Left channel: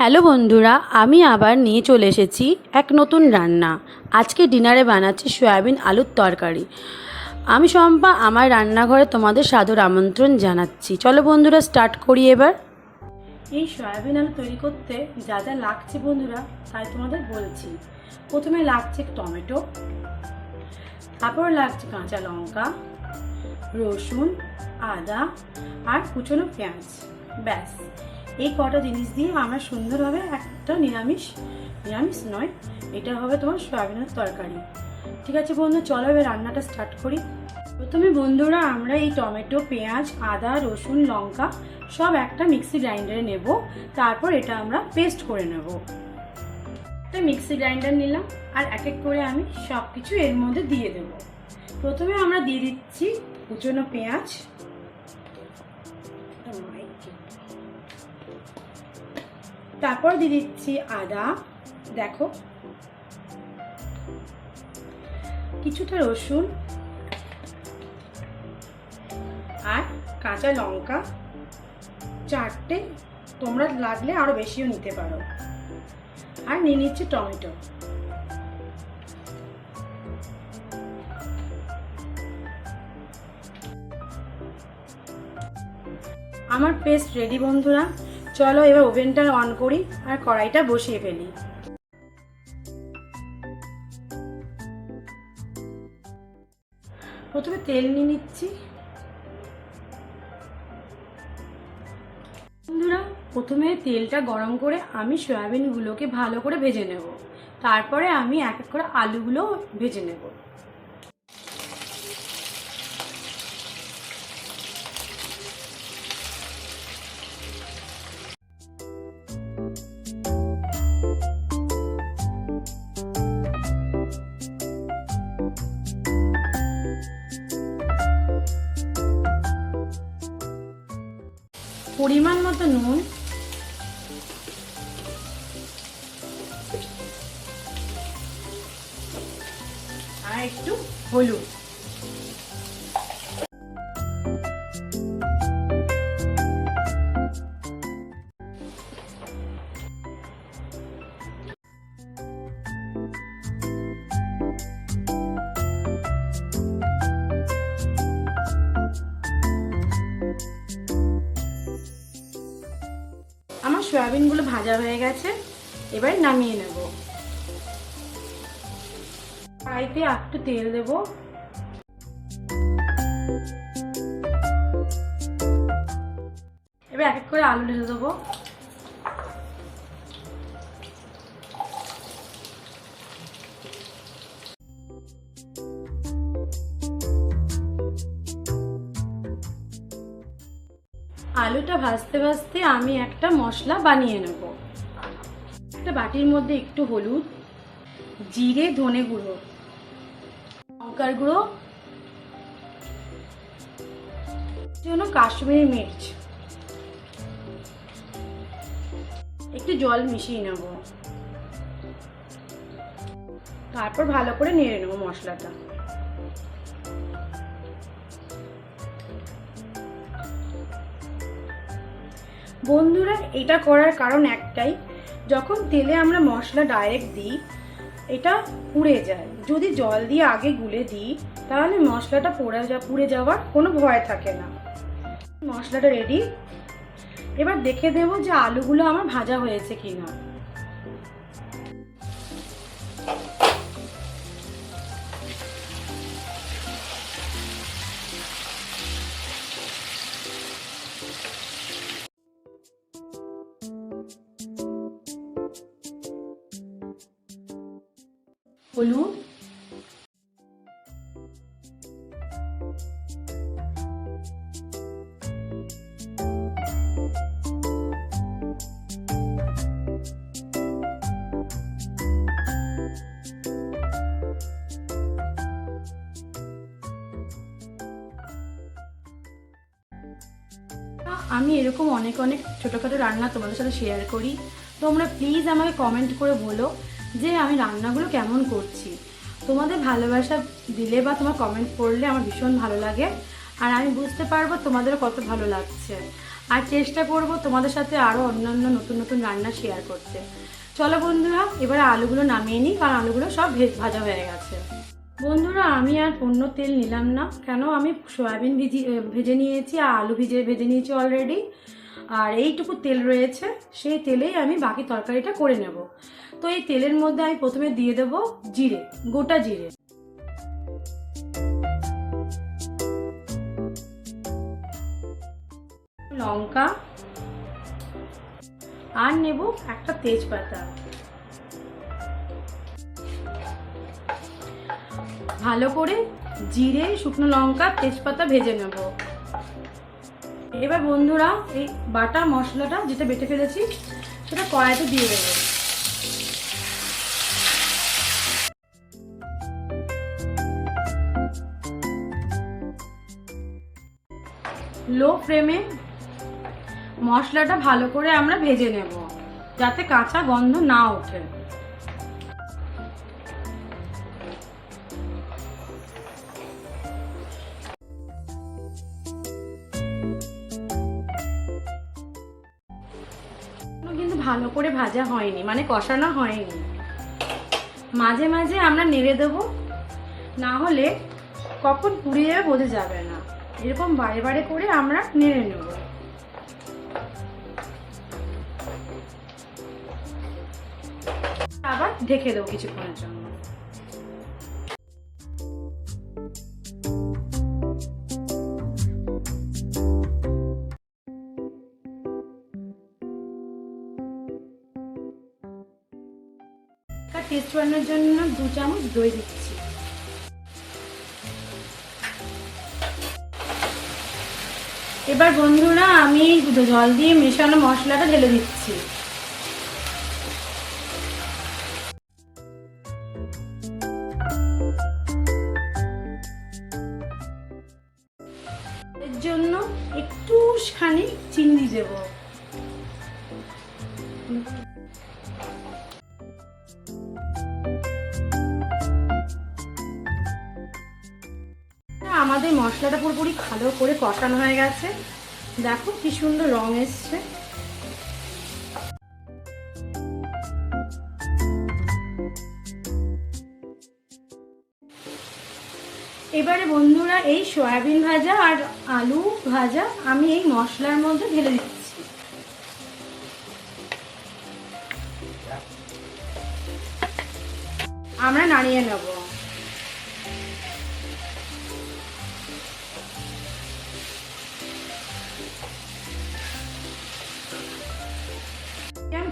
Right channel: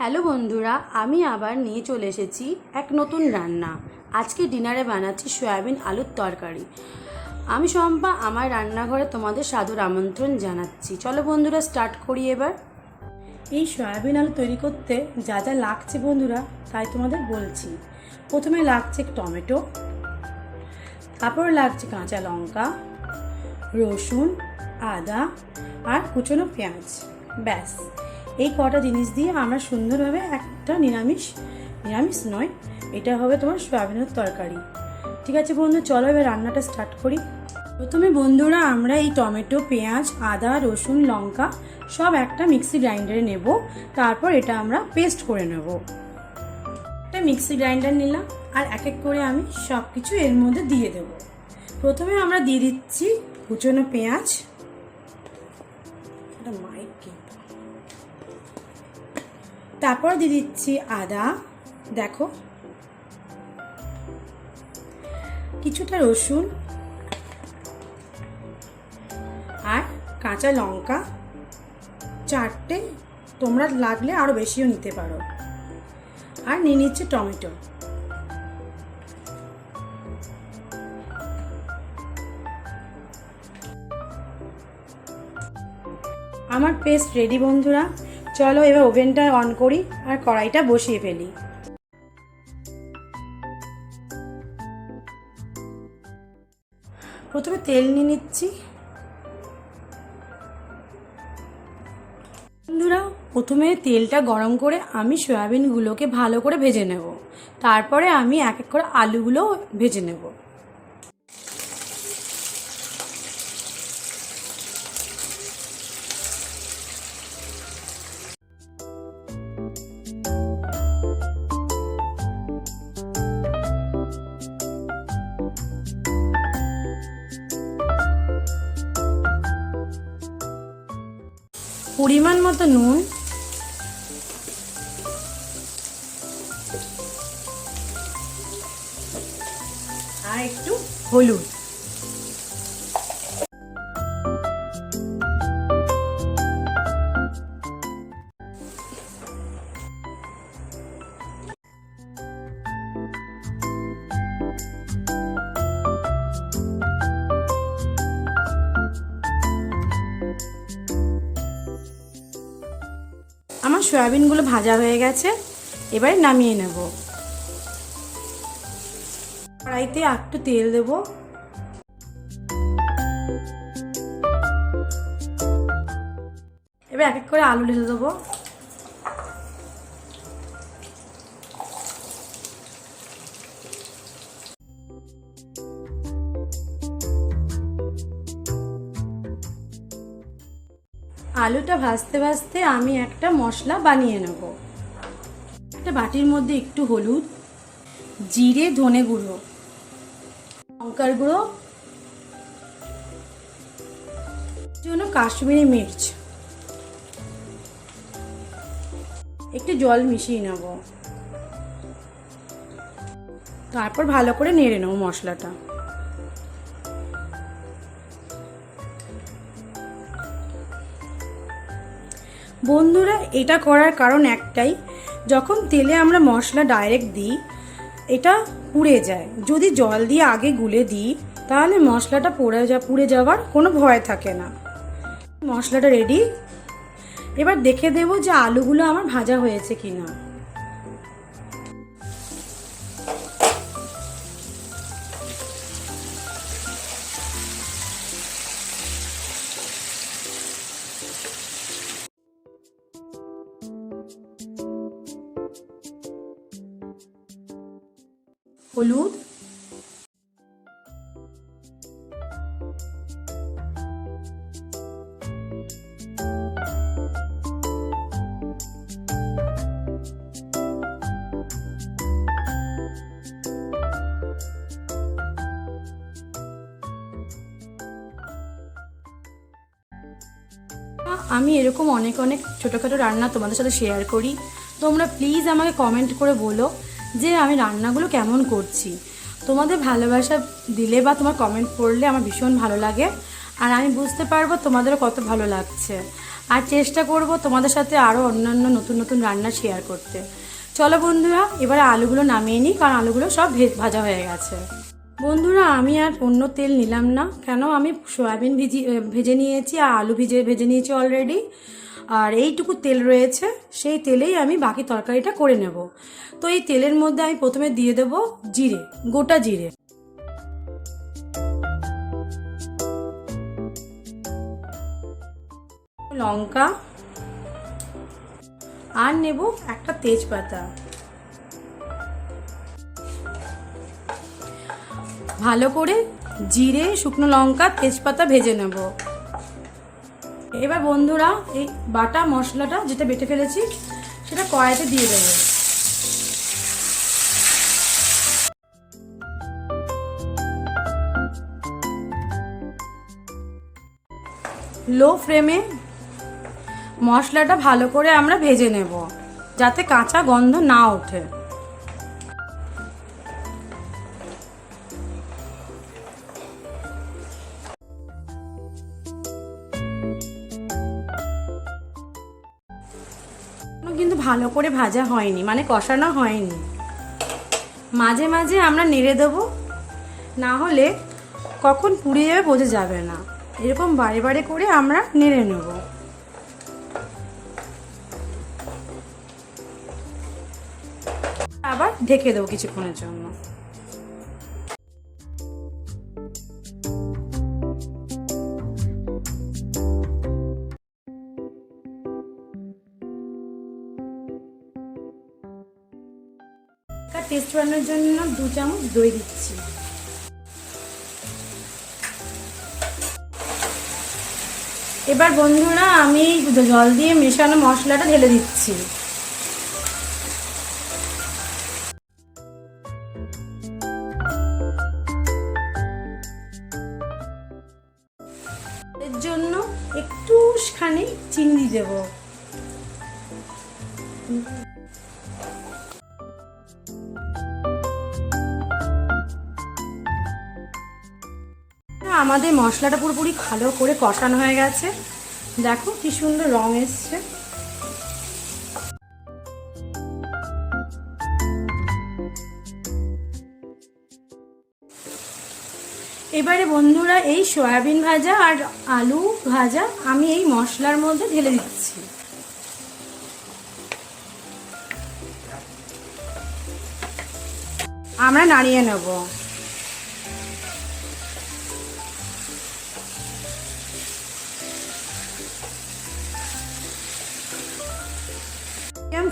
Hello বন্ধুরা, আমি আবার নিয়ে চলে এসেছি এক নতুন রান্না। আজকে ডিনারে বানাচ্ছি সয়াবিন আলুর তরকারি। আমি শম্পা, আমার রান্নাঘরে তোমাদের সাদর আমন্ত্রণ জানাচ্ছি। চলো বন্ধুরা, স্টার্ট করি এবার। এই সয়াবিন আলু তৈরি করতে যা যা লাগছে বন্ধুরা, তাই তোমাদের বলছি। প্রথমে লাগছে টমেটো, তারপর লাগছে কাঁচা লঙ্কা, রসুন, আদা আর কুচনো পেঁয়াজ। ব্যাস, এই কটা জিনিস দিয়ে আমরা সুন্দরভাবে একটা নিরামিষ নয়, এটা হবে তোমার সয়াবিনের তরকারি। ঠিক আছে বন্ধু, চলো এবার রান্নাটা স্টার্ট করি। প্রথমে বন্ধুরা আমরা এই টমেটো, পেঁয়াজ, আদা, রসুন, লঙ্কা সব একটা মিক্সি গ্রাইন্ডারে নেব। তারপর এটা আমরা পেস্ট করে নেব। একটা মিক্সি গ্রাইন্ডার নিলাম আর এক এক করে আমি সব কিছু এর মধ্যে দিয়ে দেব। প্রথমে আমরা দিয়ে দিচ্ছি কুচনো পেঁয়াজ, তারপর দিয়ে দিচ্ছি আদা, দেখো, কিছুটা রসুন আর কাঁচা লঙ্কা চারটে, তোমরা লাগলে আরো বেশিও নিতে পারো। আর নিয়ে নিচ্ছি টমেটো। আমার পেস্ট রেডি বন্ধুরা, চলো এবার ওভেনটা অন করি আর কড়াইটা বসিয়ে ফেলি। প্রথমে তেল নিয়ে নিচ্ছি বন্ধুরা। প্রথমে তেলটা গরম করে আমি সয়াবিনগুলোকে ভালো করে ভেজে নেব। তারপরে আমি এক এক করে আলুগুলো ভেজে নেব। পরিমাণ মতো নুন, আর একটু হলুদ। আমার সয়াবিনগুলো ভাজা হয়ে গেছে, এবার নামিয়ে নেব। কড়াইতে একটু তেল দেব। এবার এক এক করে আলু ঢেলে দেবো। আলুটা ভাজতে ভাজতে আমি একটা মশলা বানিয়ে নেব। একটা বাটির মধ্যে একটু হলুদ, জিরে, ধনে গুঁড়ো, লঙ্কার গুঁড়ো, কাশ্মীরি মির্চ, একটু জল মিশিয়ে নেব। তারপর ভালো করে নেড়ে নেব মশলাটা। বন্ধুরা, এটা করার কারণ একটাই, যখন তেলে আমরা মশলা ডাইরেক্ট দিই এটা পুড়ে যায়। যদি জল দিয়ে আগে গুলে দিই তাহলে মশলাটা পুড়ে যাওয়ার কোনো ভয় থাকে না। মশলাটা রেডি। এবার দেখে দেব যে আলুগুলো আমার ভাজা হয়েছে কিনা। হলুদ, আমি এরকম অনেক অনেক ছোটোখাটো রান্না তোমাদের সাথে শেয়ার করি। তোমরা প্লিজ আমাকে কমেন্ট করে বলো যে আমি রান্নাগুলো কেমন করছি। তোমাদের ভালোবাসা দিলে বা তোমার কমেন্ট পড়লে আমার ভীষণ ভালো লাগে, আর আমি বুঝতে পারবো তোমাদের কত ভালো লাগছে। আর চেষ্টা করব তোমাদের সাথে আরও অন্যান্য নতুন নতুন রান্না শেয়ার করতে। চলো বন্ধুরা, এবারে আলুগুলো নামিয়ে নিই, কারণ আলুগুলো সব ভাজা হয়ে গেছে। বন্ধুরা, আমি আর অন্য তেল নিলাম না, কেন আমি সয়াবিন ভেজে নিয়েছি আর আলু ভেজে নিয়েছি অলরেডি। আর এইটুকু তেল রয়েছে, সেই তেলেই আমি বাকি তরকারিটা করে নেব। তো এই তেলের মধ্যে আমি প্রথমে দিয়ে দেব জিরে, গোটা জিরে, লঙ্কা, আর নেব একটা তেজপাতা। ভালো করে জিরে, শুকনো লঙ্কা, তেজপাতা ভেজে নেব। এবার বন্ধুরা, এই বাটা মশলাটা যেটা বেটে ফেলেছি সেটা কড়াইতে দিয়ে দেবো। লো ফ্লেমে মশলাটা ভালো করে আমরা ভেজে নেব, যাতে কাঁচা গন্ধ না ওঠে। কিন্তু ভালো করে ভাজা হয়নি, মানে কষানো হয়নি। মাঝে মাঝে আমরা নেড়ে দেবো, না হলে কখন পুড়িয়ে যাবে বোঝা যাবে না। এরকম বারে বারে করে আমরা নেড়ে নেব। আবার ঢেকে দেবো কিছুক্ষণের জন্য। টেস্ট বানানোর জন্য 2 চামচ দই দিচ্ছি। এবার বন্ধুরা, আমি জল দিয়ে মেশানো মশলাটা ঢেলে দিচ্ছি। এর জন্য একটুখানি চিনি দেব। আমাদের মশলাটা পুরোপুরি ভালো করে কষানো হয়ে গেছে, দেখো কি সুন্দর রং এসছে। এবারে বন্ধুরা, এই সয়াবিন ভাজা আর আলু ভাজা আমি এই মশলার মধ্যে ঢেলে দিচ্ছি। আমরা নাড়িয়ে নেব।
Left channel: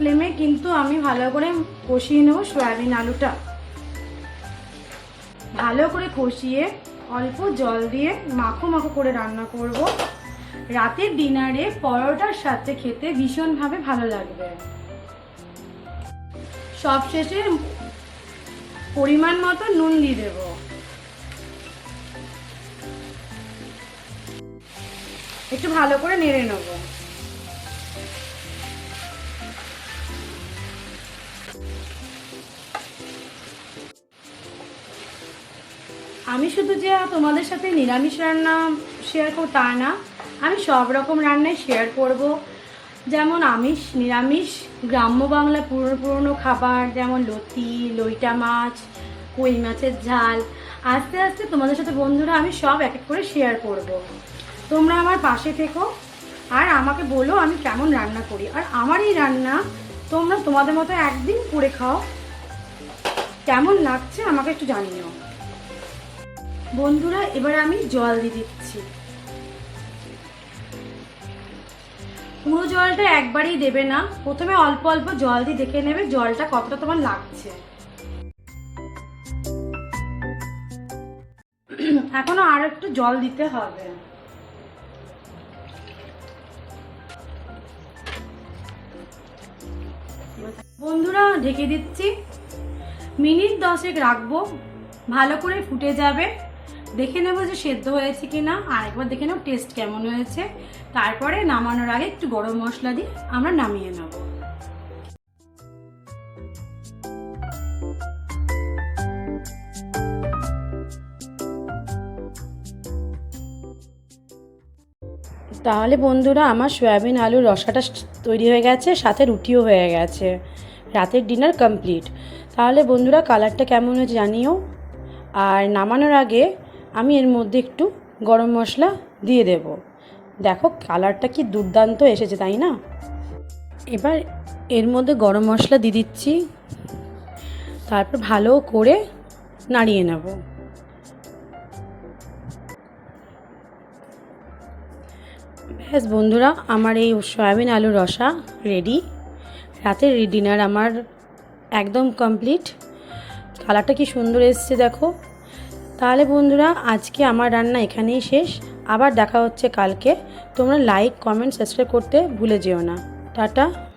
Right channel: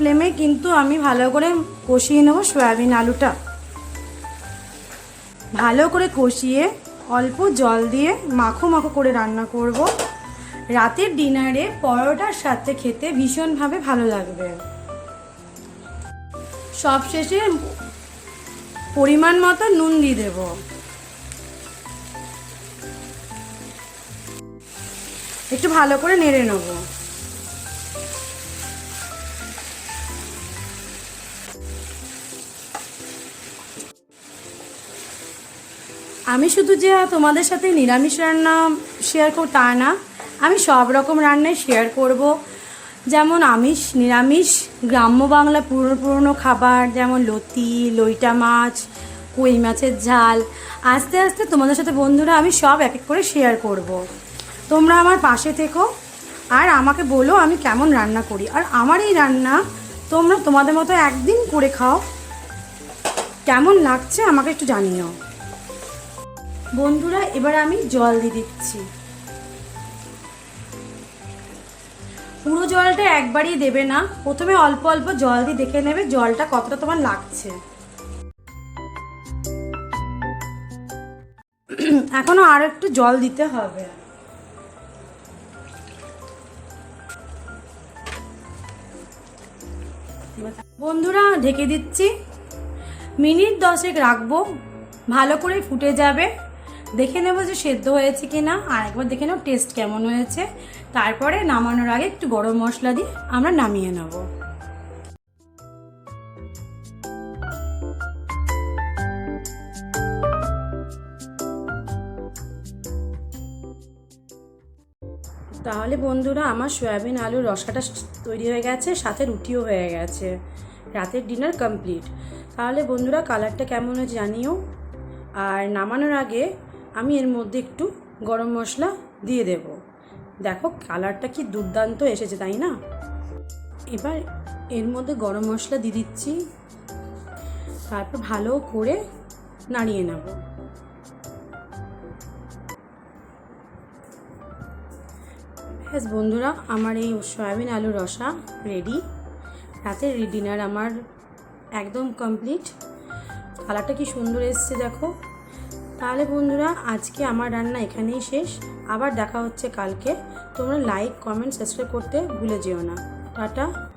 ফ্লেমে কিন্তু আমি ভালো করে কষিয়ে নেব সয়াবিন আলুটা। ভালো করে কষিয়ে অল্প জল দিয়ে মাখো মাখো করে রান্না করব। রাতের ডিনারে পরোটার সাথে খেতে ভীষণভাবে ভালো লাগবে। সবশেষে পরিমাণ মতো নুন দিয়ে দেব। একটু ভালো করে নেড়ে নেব। আমি শুধু যে তোমাদের সাথে নিরামিষ রান্না শেয়ার করব তা না, আমি সব রকম রান্নাই শেয়ার করব। যেমন আমিষ, নিরামিষ, গ্রাম্য বাংলা পুরনো খাবার, যেমন লতি, লইটা মাছ, কই মাছের ঝাল। আস্তে আস্তে তোমাদের সাথে বন্ধুরা আমি সব এক এক করে শেয়ার করব। তোমরা আমার পাশে থেকো আর আমাকে বলো আমি কেমন রান্না করি। আর আমার এই রান্না তোমরা তোমাদের মতো একদিন করে খাও, কেমন লাগছে আমাকে একটু জানিও। বন্ধুরা, এবার আমি জল দিয়ে দিচ্ছি। পুরো জলটা একবারই দেবে না, প্রথমে অল্প অল্প জল দিয়ে দেখে নেবে জলটা কতটা তোমার লাগছে। এখনো আর একটু জল দিতে হবে। বন্ধুরা, ঢেকে দিচ্ছি, মিনিট 10 রাখবো। ভালো করে ফুটে যাবে, দেখে নেবো যে সেদ্ধ হয়েছে কিনা, আর একবার দেখে নেব টেস্ট কেমন হয়েছে। তারপরে নামানোর আগে একটু গরম মশলা দিয়ে আমরা নামিয়ে নেব। তাহলে বন্ধুরা আমার সয়াবিন আলুর রসাটা তৈরি হয়ে গেছে, সাথে রুটিও হয়ে গেছে। রাতের ডিনার কমপ্লিট। তাহলে বন্ধুরা কালারটা কেমন হয়েছে জানিও। আর নামানোর আগে আমি এর মধ্যে একটু গরম মশলা দিয়ে দেব। দেখো কালারটা কি দুর্দান্ত এসেছে, তাই না? এবার এর মধ্যে গরম মশলা দিয়ে দিচ্ছি, তারপর ভালো করে নাড়িয়ে নেব। ব্যাস বন্ধুরা, আমার এই সয়াবিন আলুর রসা রেডি। রাতের ডিনার আমার একদম কমপ্লিট। কালারটা কি সুন্দর এসছে দেখো। তাহলে বন্ধুরা আজকে আমার রান্না এখানেই শেষ। আবার দেখা হচ্ছে কালকে। তোমরা লাইক, কমেন্ট, সাবস্ক্রাইব করতে ভুলে যেও না। টাটা।